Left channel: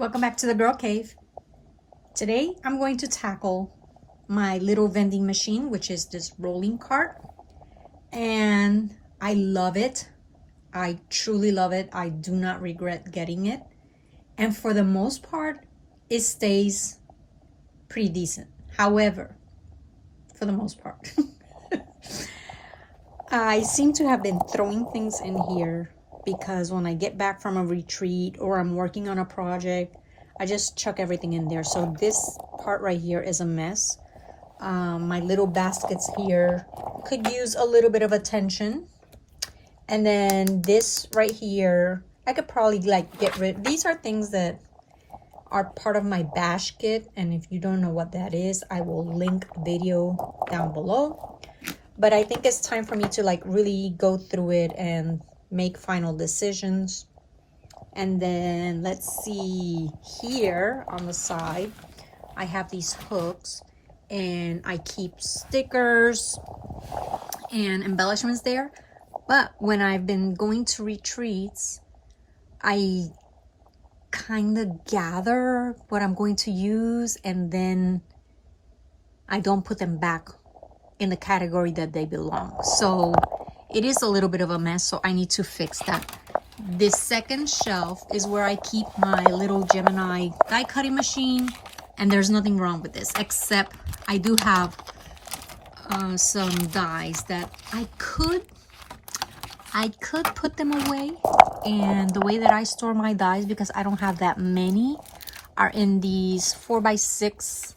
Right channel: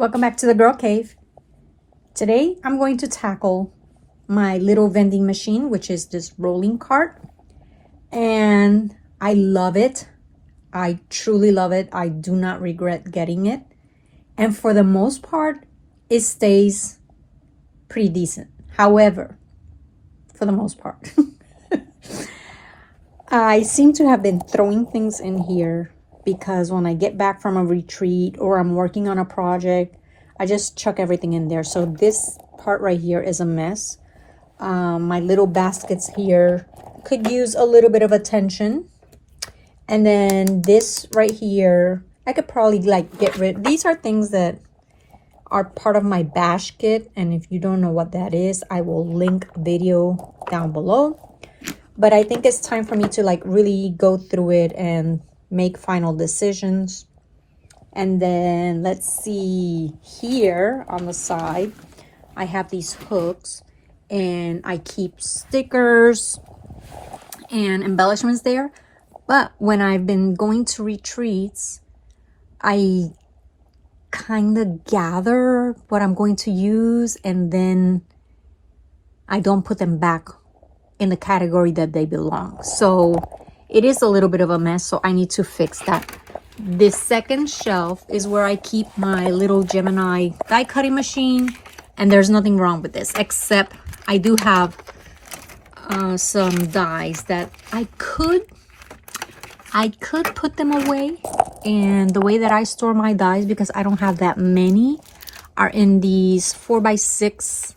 Welcome back to the Girl Cave. Today I'm going to tackle my little vending machine, which is this rolling cart, and I love it. I truly love it. I do not regret getting it, and for the most part it stays pretty decent. However, for the most part I seem to have been throwing things in here because when I get back from a retreat or I'm working on a project, I just chuck everything in there. So this part right here is a mess. My little baskets here could use a little bit of attention. And then this right here, I could probably like get rid. These are things that are part of my BASHket. And if you don't know what that is, I will link a video down below. But I think it's time for me to like really go through it and make final decisions. And then let's see, here on the side I have these hooks and I keep stickers and embellishments there. But when I've been going to retreats, I kind of gather what I'm going to use and then I don't put them back in the category that they belong. So it is a little bit of a mess, so I need to fix that. This second shelf is where I keep my little Gemini die cutting machine, and there's nothing wrong with this, except I do have some dies that I could put them away. And the way that I store my dies, because I don't have that many, are in these 4x6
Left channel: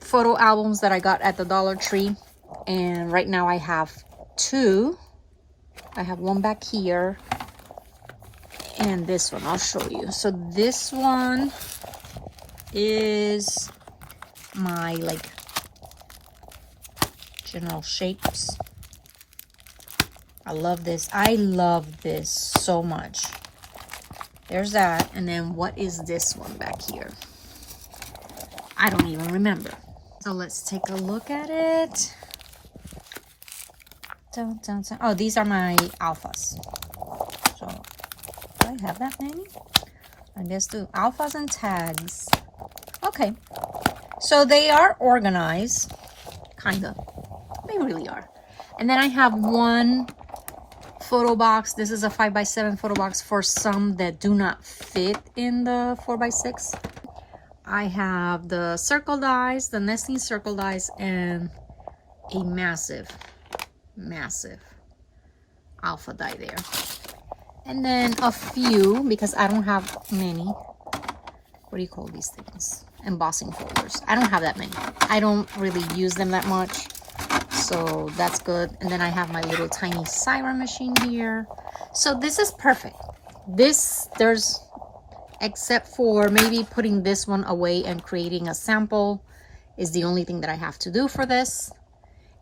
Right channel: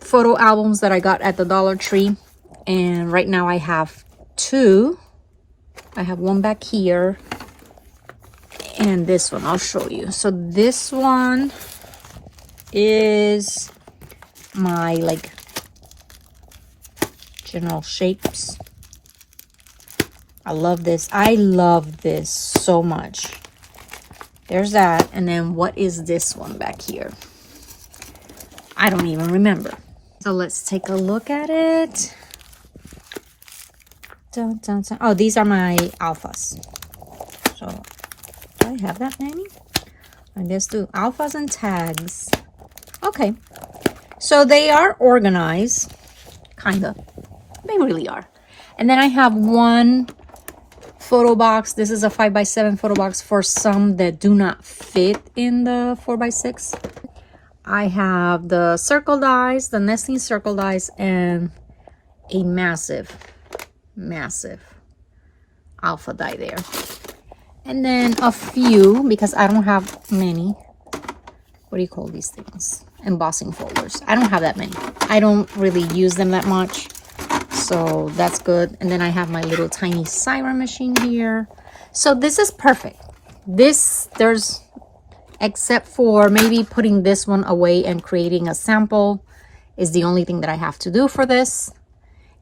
photo albums that I got at the Dollar Tree. And right now I have two. I have one back here and this one I'll show you. So this one is my like general shapes. I love this. I love this so much. There's that. And then what is this one back here? I don't even remember. So let's take a look at it. Dun, dun, dun. Oh, these are my alphas. So do I have that many? I guess do alphas and tags. Okay, so they are organized, kind of. They really are. And then I have one photo box. This is a 5x7 photo box for some that do not fit in the 4x6. I have the circle dies, the nesting circle dies, and a massive alpha die there. And then a few, because I don't have many, what do you call these things? Embossing folders. I don't have that many. I don't really use them that much, so that's good. And then I have my little tiny siren machine here. So this is perfect. There's except for maybe putting this one away and creating a sample is the only thing that I have to do for this.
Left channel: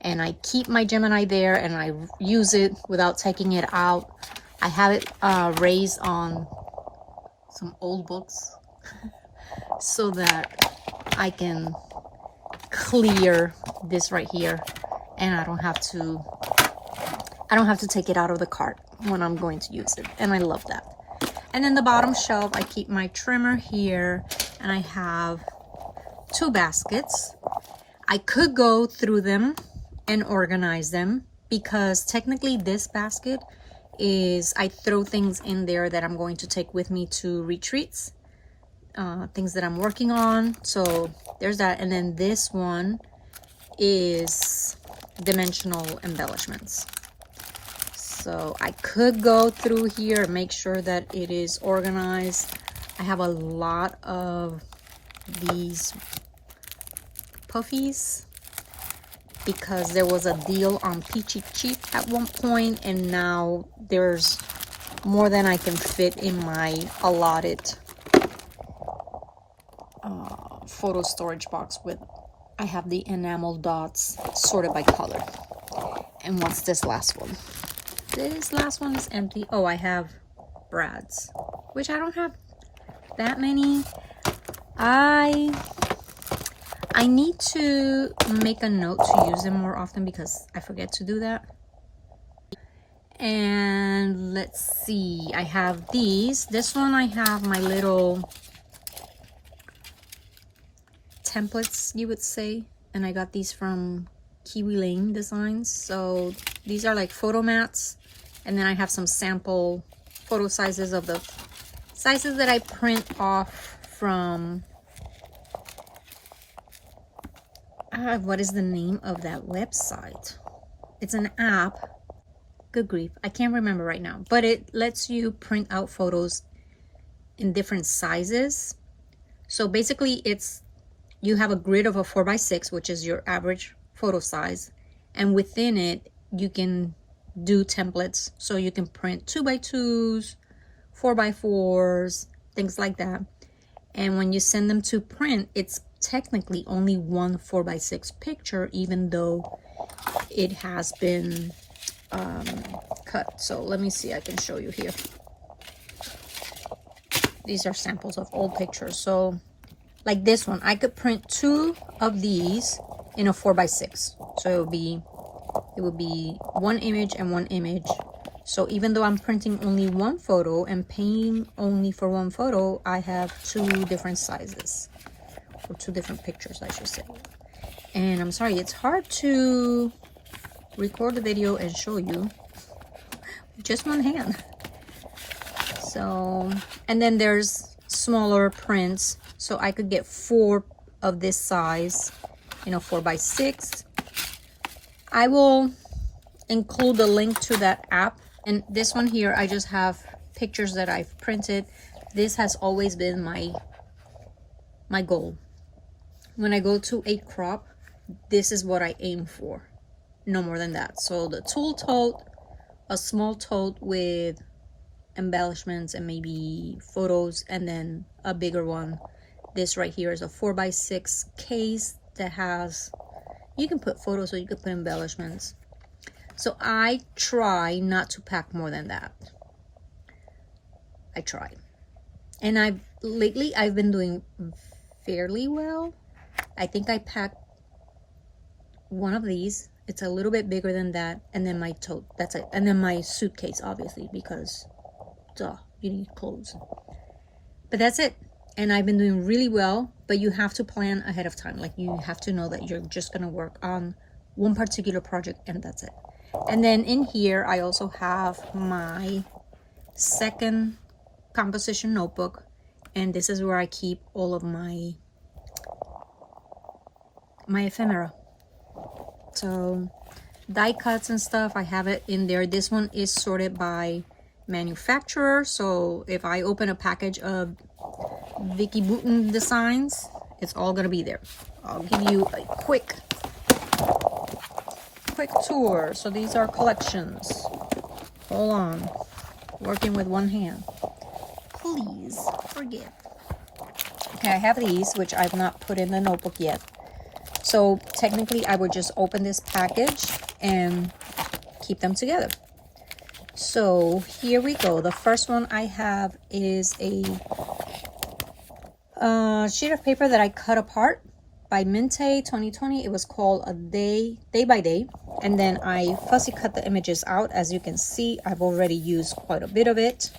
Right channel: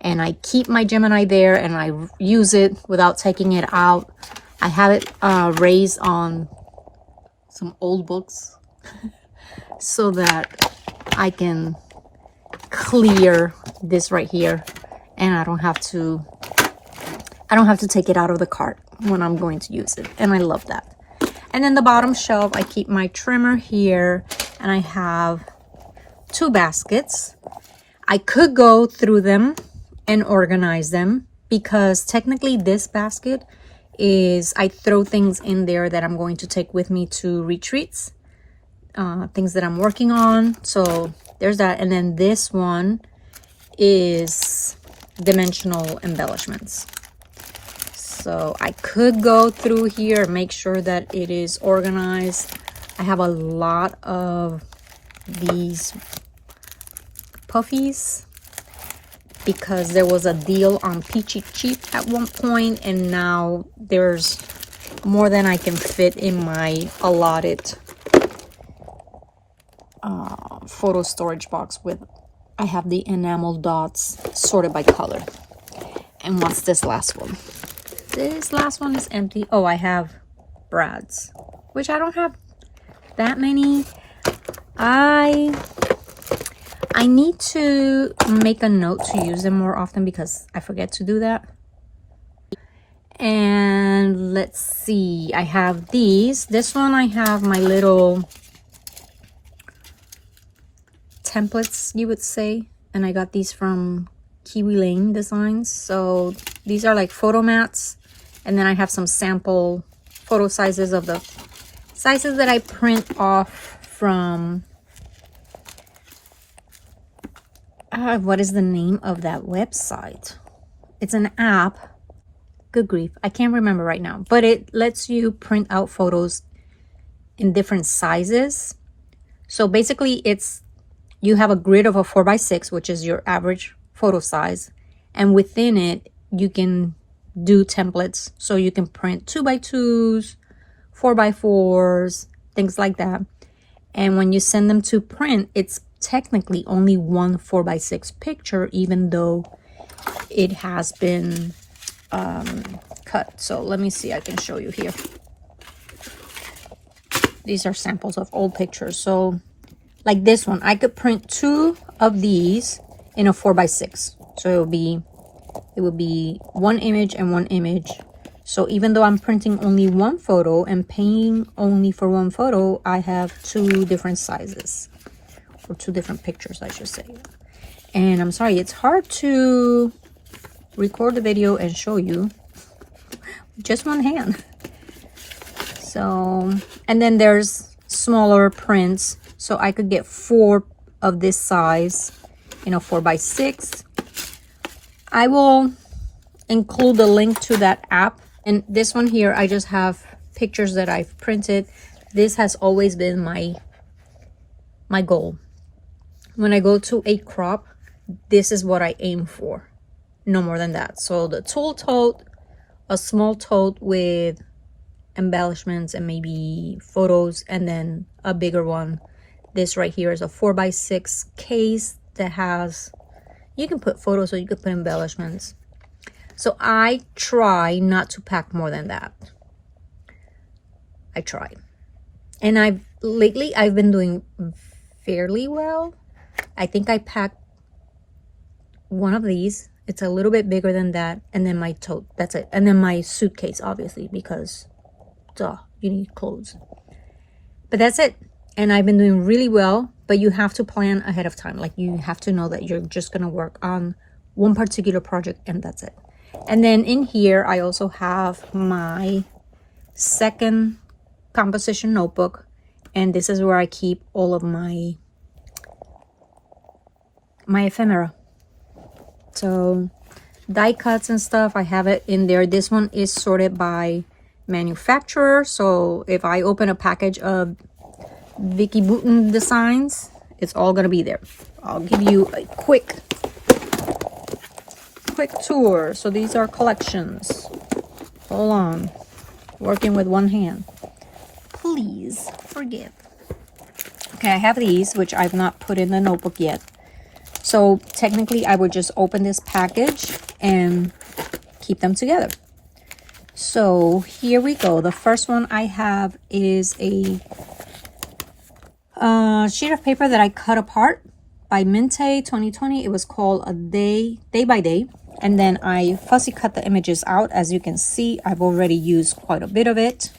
And I keep my Gemini there and I use it without taking it out. I have it raised on some old books so that I can clear this right here, and I don't have to take it out of the cart when I'm going to use it, and I love that. And then the bottom shelf, I keep my trimmer here, and I have two baskets. I could go through them and organize them, because technically this basket is, I throw things in there that I'm going to take with me to retreats, things that I'm working on. So there's that. And then this one is dimensional embellishments. So I could go through here and make sure that it is organized. I have a lot of these puffies because there was a deal on Peachy Cheap at one point, and now there's more than I can fit in my allotted photo storage box. I have the enamel dots sorted by color. And what's this last one? This last one is empty. Oh, I have brads, which I don't have that many. I need to make a note to use them more often because I forget to do that. And let's see, I have these. This one I have my little templates, you would say, and I got these from Kiwi Lane Designs. So these are like photo mats, and then I have some sample photo sizes of the sizes that I print off from what is the name of that website? It's an app. Good grief, I can't remember right now, but it lets you print out photos in different sizes. So basically it's, you have a grid of a 4x6, which is your average photo size, and within it you can do templates. So you can print 2x2s, 4x4s, things like that. And when you send them to print, it's technically only one 4x6 picture, even though it has been cut. So let me see, I can show you here. These are samples of old pictures. So like this one, I could print 2 of these in a 4x6. So it would be one image and one image. So even though I'm printing only one photo and paying only for one photo, I have 2 different sizes, or 2 different pictures, I should say. And I'm sorry, it's hard to record the video and show you with just one hand. So, and then there's smaller prints. So I could get 4 of this size in a 4x6. I will include the link to that app. And this one here, I just have pictures that I've printed. This has always been my goal. When I go to a crop, this is what I aim for. No more than that. So the tall tote, a small tote with embellishments and maybe photos, and then a bigger one. This right here is a 4x6 case that has, you can put photos or you could put embellishments. So I try not to pack more than that. I try. And lately I've been doing fairly well. I think I packed one of these. It's a little bit bigger than that. And then my tote, that's it. And then my suitcase, obviously, because duh, you need clothes. But that's it. And I've been doing really well, but you have to plan ahead of time. Like you have to know that you're just gonna work on one particular project and that's it. And then in here, I also have my second composition notebook. And this is where I keep all of my ephemera. So die cuts and stuff, I have it in there. This one is sorted by manufacturer. So if I open a package of Vicky Bouton designs, it's all gonna be there. I'll give you a quick tour. So these are collections. Hold on, working with one hand. Please forgive. Okay, I have these, which I've not put in the notebook yet. So technically I would just open this package and keep them together. So here we go. The first one I have is a sheet of paper that I cut apart by Minte 2020. It was called a day by day. And then I fussy cut the images out. As you can see, I've already used quite a bit of it.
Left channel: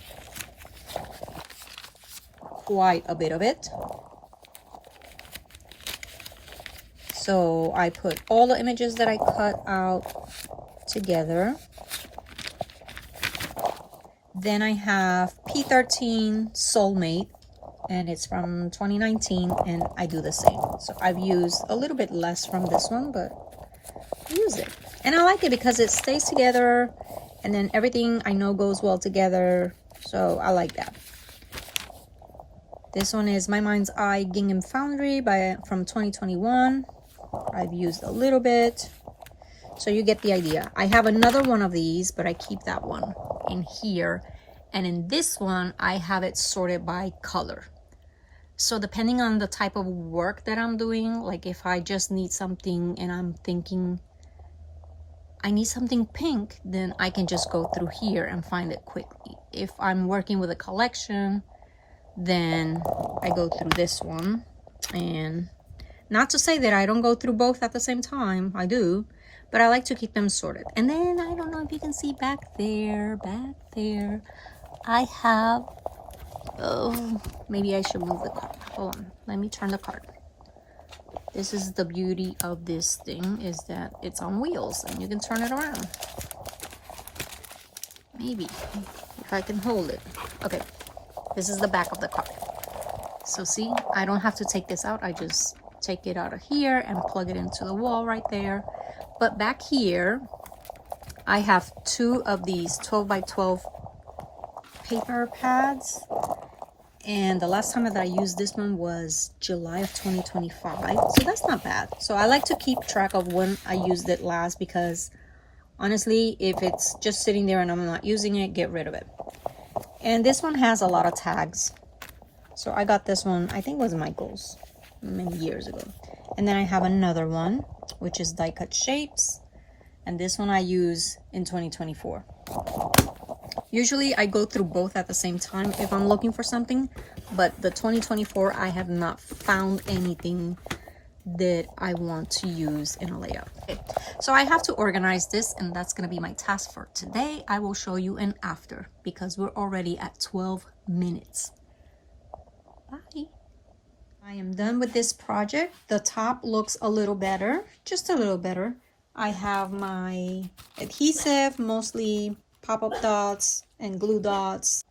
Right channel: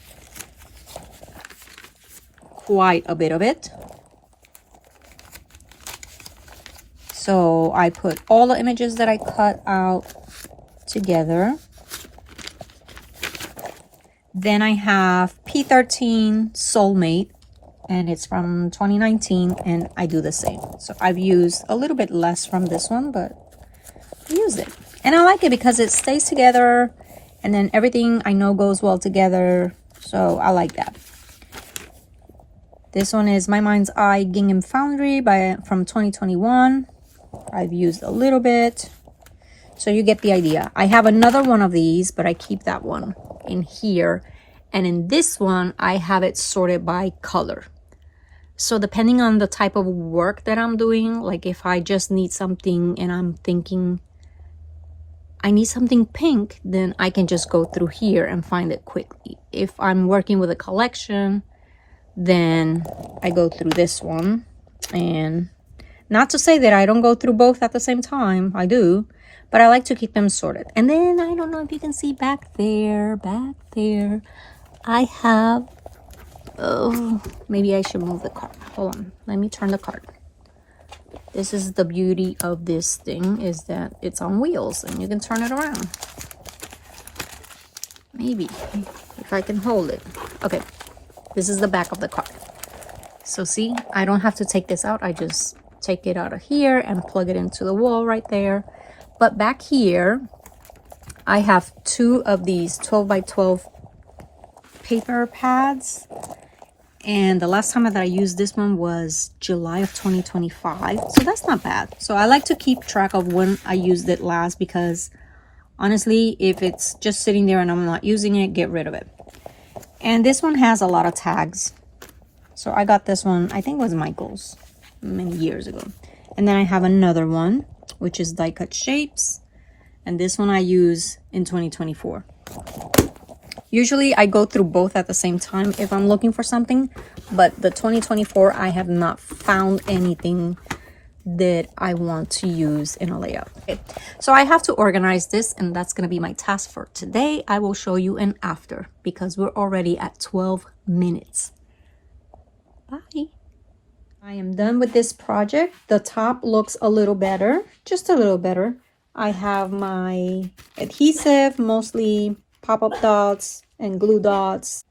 So I put all the images that I cut out together. Then I have P13 Soulmate, and it's from 2019, and I do the same. So I've used a little bit less from this one, but I use it. And I like it because it stays together, and then everything I know goes well together. So I like that. This one is My Mind's Eye Gingham Foundry from 2021. I've used a little bit. So you get the idea. I have another one of these, but I keep that one in here. And in this one, I have it sorted by color. So depending on the type of work that I'm doing, like if I just need something and I'm thinking I need something pink, then I can just go through here and find it quickly. If I'm working with a collection, then I go through this one. And not to say that I don't go through both at the same time, I do, but I like to keep them sorted. And then I don't know if you can see back there, I have, oh, maybe I should move the card. Hold on, let me turn the card. This is the beauty of this thing, is that it's on wheels and you can turn it around. Maybe, if I can hold it. Okay, this is the back of the card. So see, I don't have to take this out. I just take it out of here and plug it into the wall right there. But back here, I have 2 of these 12 by 12 paper pads. And the last time that I used this one was July of 2025. So that's not bad. So I like to keep track of when I used it last, because honestly, if it's just sitting there and I'm not using it, get rid of it. And this one has a lot of tags. So I got this one, I think it was Michael's many years ago. And then I have another one, which is die cut shapes. And this one I use in 2024. Usually I go through both at the same time if I'm looking for something, but the 2024, I have not found anything that I want to use in a layout. Okay. So I have to organize this, and that's going to be my task for today. I will show you an after, because we're already at 12 minutes. Bye. I am done with this project. The top looks a little better, just a little better. I have my adhesive, mostly pop-up dots and glue dots.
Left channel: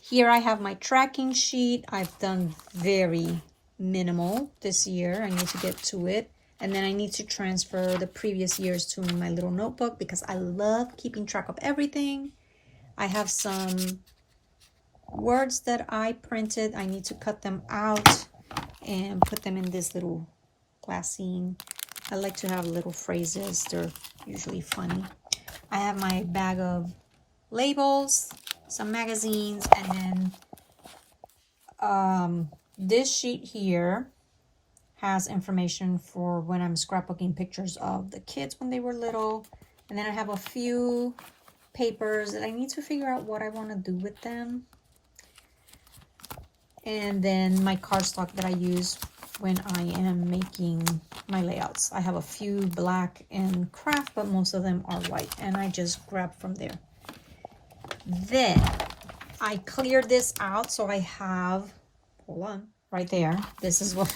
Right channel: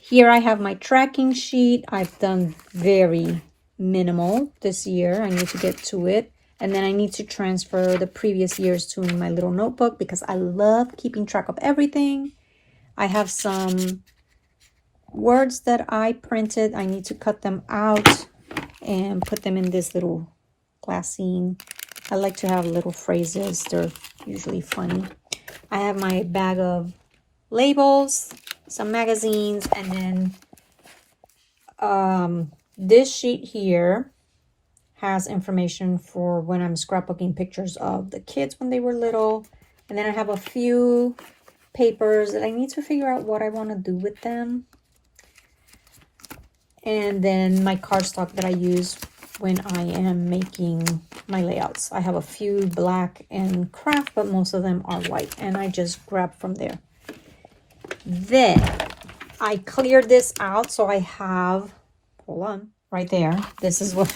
Here I have my tracking sheet. I've done very minimal this year. I need to get to it. And then I need to transfer the previous years to my little notebook, because I love keeping track of everything. I have some words that I printed. I need to cut them out and put them in this little glassine. I like to have little phrases. They're usually funny. I have my bag of labels, some magazines, and then this sheet here has information for when I'm scrapbooking pictures of the kids when they were little. And then I have a few papers that I need to figure out what I want to do with them. And then my cardstock that I use when I am making my layouts. I have a few black and craft, but most of them are white, and I just grab from there. Then I cleared this out, so I have, hold on, right there. This is what,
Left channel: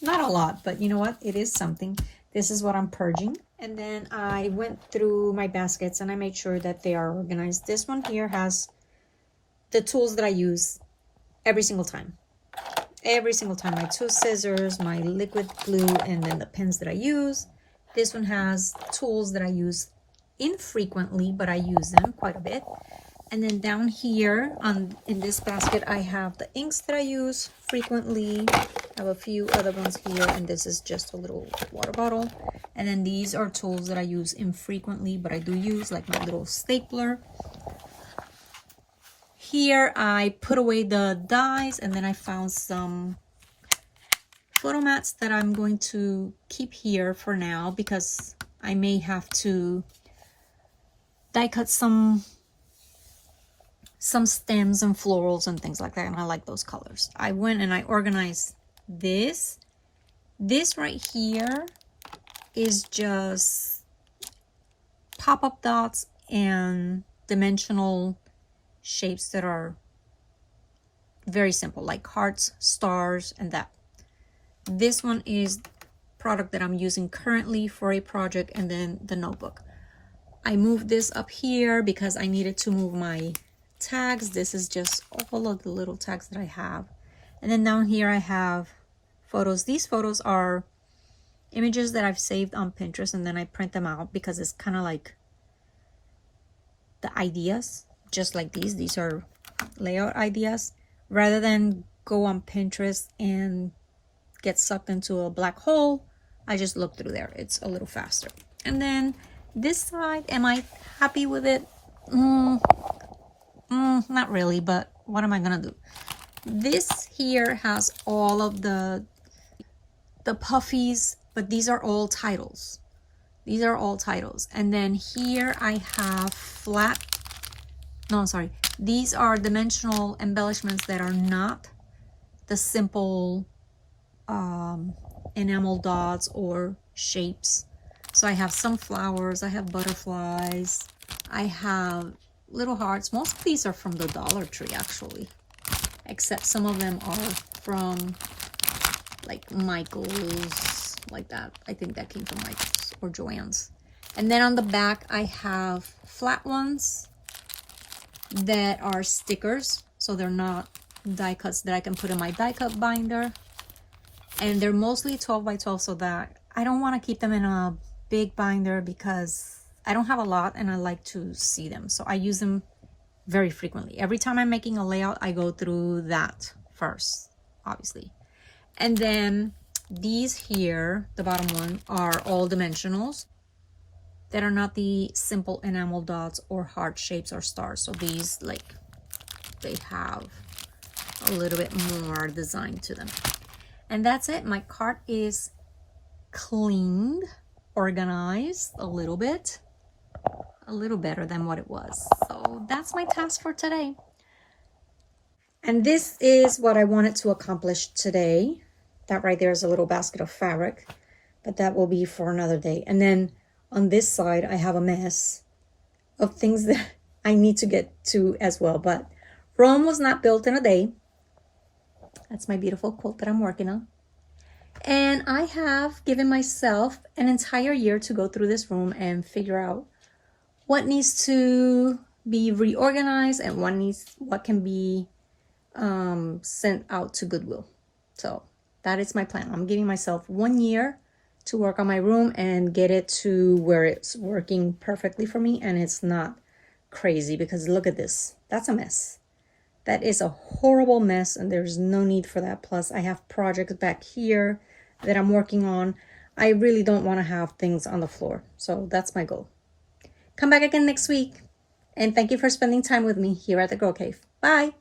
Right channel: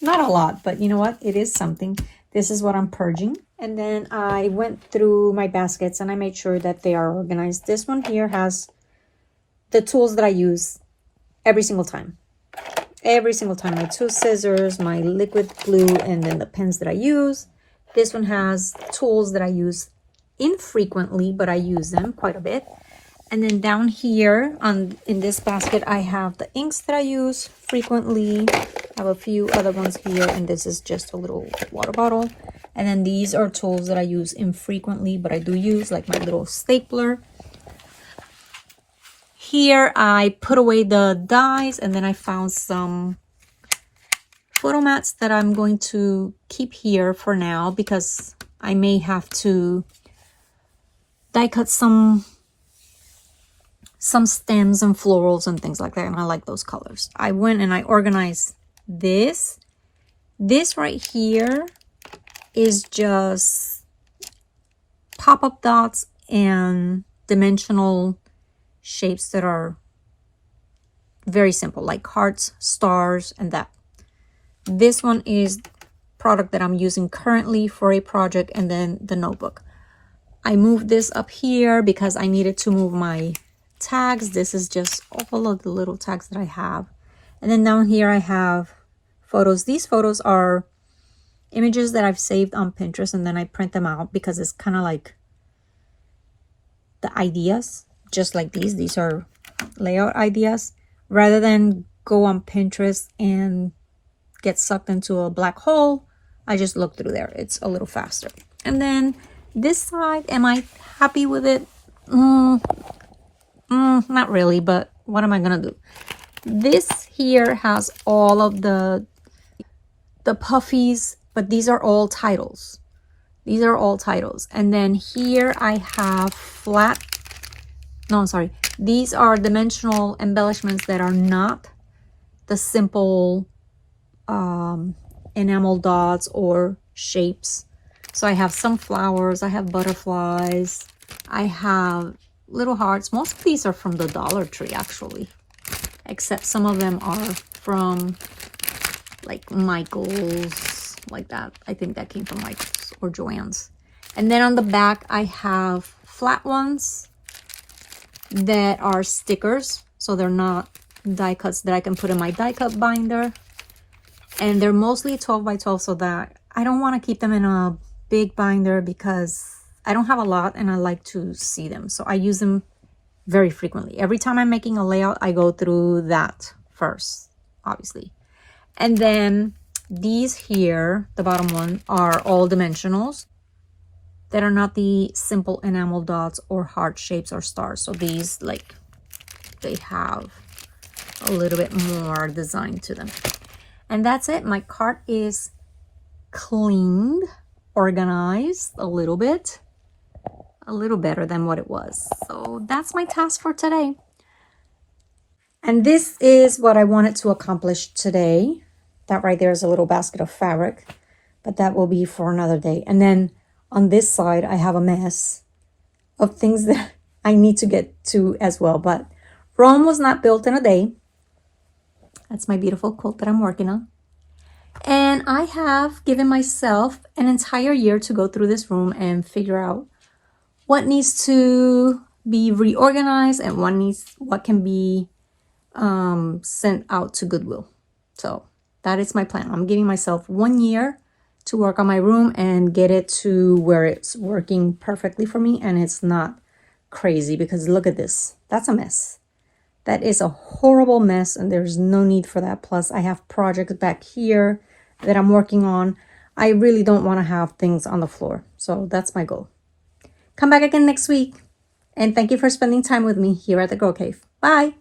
not a lot, but you know what? It is something. This is what I'm purging. And then I went through my baskets and I made sure that they are organized. This one here has the tools that I use every single time. Every single time, my 2 scissors, my liquid glue, and then the pens that I use. This one has tools that I use infrequently, but I use them quite a bit. And then down here in this basket, I have the inks that I use frequently. I have a few other ones here, and this is just a little water bottle. And then these are tools that I use infrequently, but I do use, like my little stapler. Here I put away the dies, and then I found some photo mats that I'm going to keep here for now, because I may have to die cut some stems and florals and things like that, and I like those colors. I went and I organized this. This right here is just pop-up dots and dimensional shapes that are very simple, like hearts, stars, and that. This one is product that I'm using currently for a project, and then the notebook. I moved this up here because I needed to move my tags. This is just all of the little tags that I have. And then down here I have photos. These photos are images that I've saved on Pinterest, and then I print them out because it's kind of like the ideas. Just like these are layout ideas. Rather than go on Pinterest and get sucked into a black hole, I just look through there. It's a little faster. And then this side, am I happy with it? Not really, but what am I gonna do? This here has all of the puffies, but these are all titles. These are all titles. And then here I have flat, no, I'm sorry. These are dimensional embellishments that are not the simple enamel dots or shapes. So I have some flowers, I have butterflies, I have little hearts. Most of these are from the Dollar Tree actually, except some of them are from like Michael's, like that. I think that came from Michael's or Joann's. And then on the back, I have flat ones that are stickers. So they're not die cuts that I can put in my die cut binder. And they're mostly 12 by 12, so that I don't want to keep them in a big binder because I don't have a lot and I like to see them. So I use them very frequently. Every time I'm making a layout, I go through that first, obviously. And then these here, the bottom one, are all dimensionals that are not the simple enamel dots or heart shapes or stars. So these, like, they have a little bit more design to them. And that's it. My cart is cleaned, organized a little bit, a little better than what it was. So that's my task for today. And this is what I wanted to accomplish today. That right there is a little basket of fabric, but that will be for another day. And then on this side, I have a mess of things that I need to get to as well. But Rome was not built in a day. That's my beautiful quilt that I'm working on. And I have given myself an entire year to go through this room and figure out what needs to be reorganized and what can be sent out to Goodwill. So that is my plan. I'm giving myself 1 year to work on my room and get it to where it's working perfectly for me and it's not crazy, because look at this. That's a mess. That is a horrible mess and there's no need for that. Plus I have projects back here that I'm working on. I really don't want to have things on the floor. So that's my goal. Come back again next week. And thank you for spending time with me here at the Girl Cave. Bye.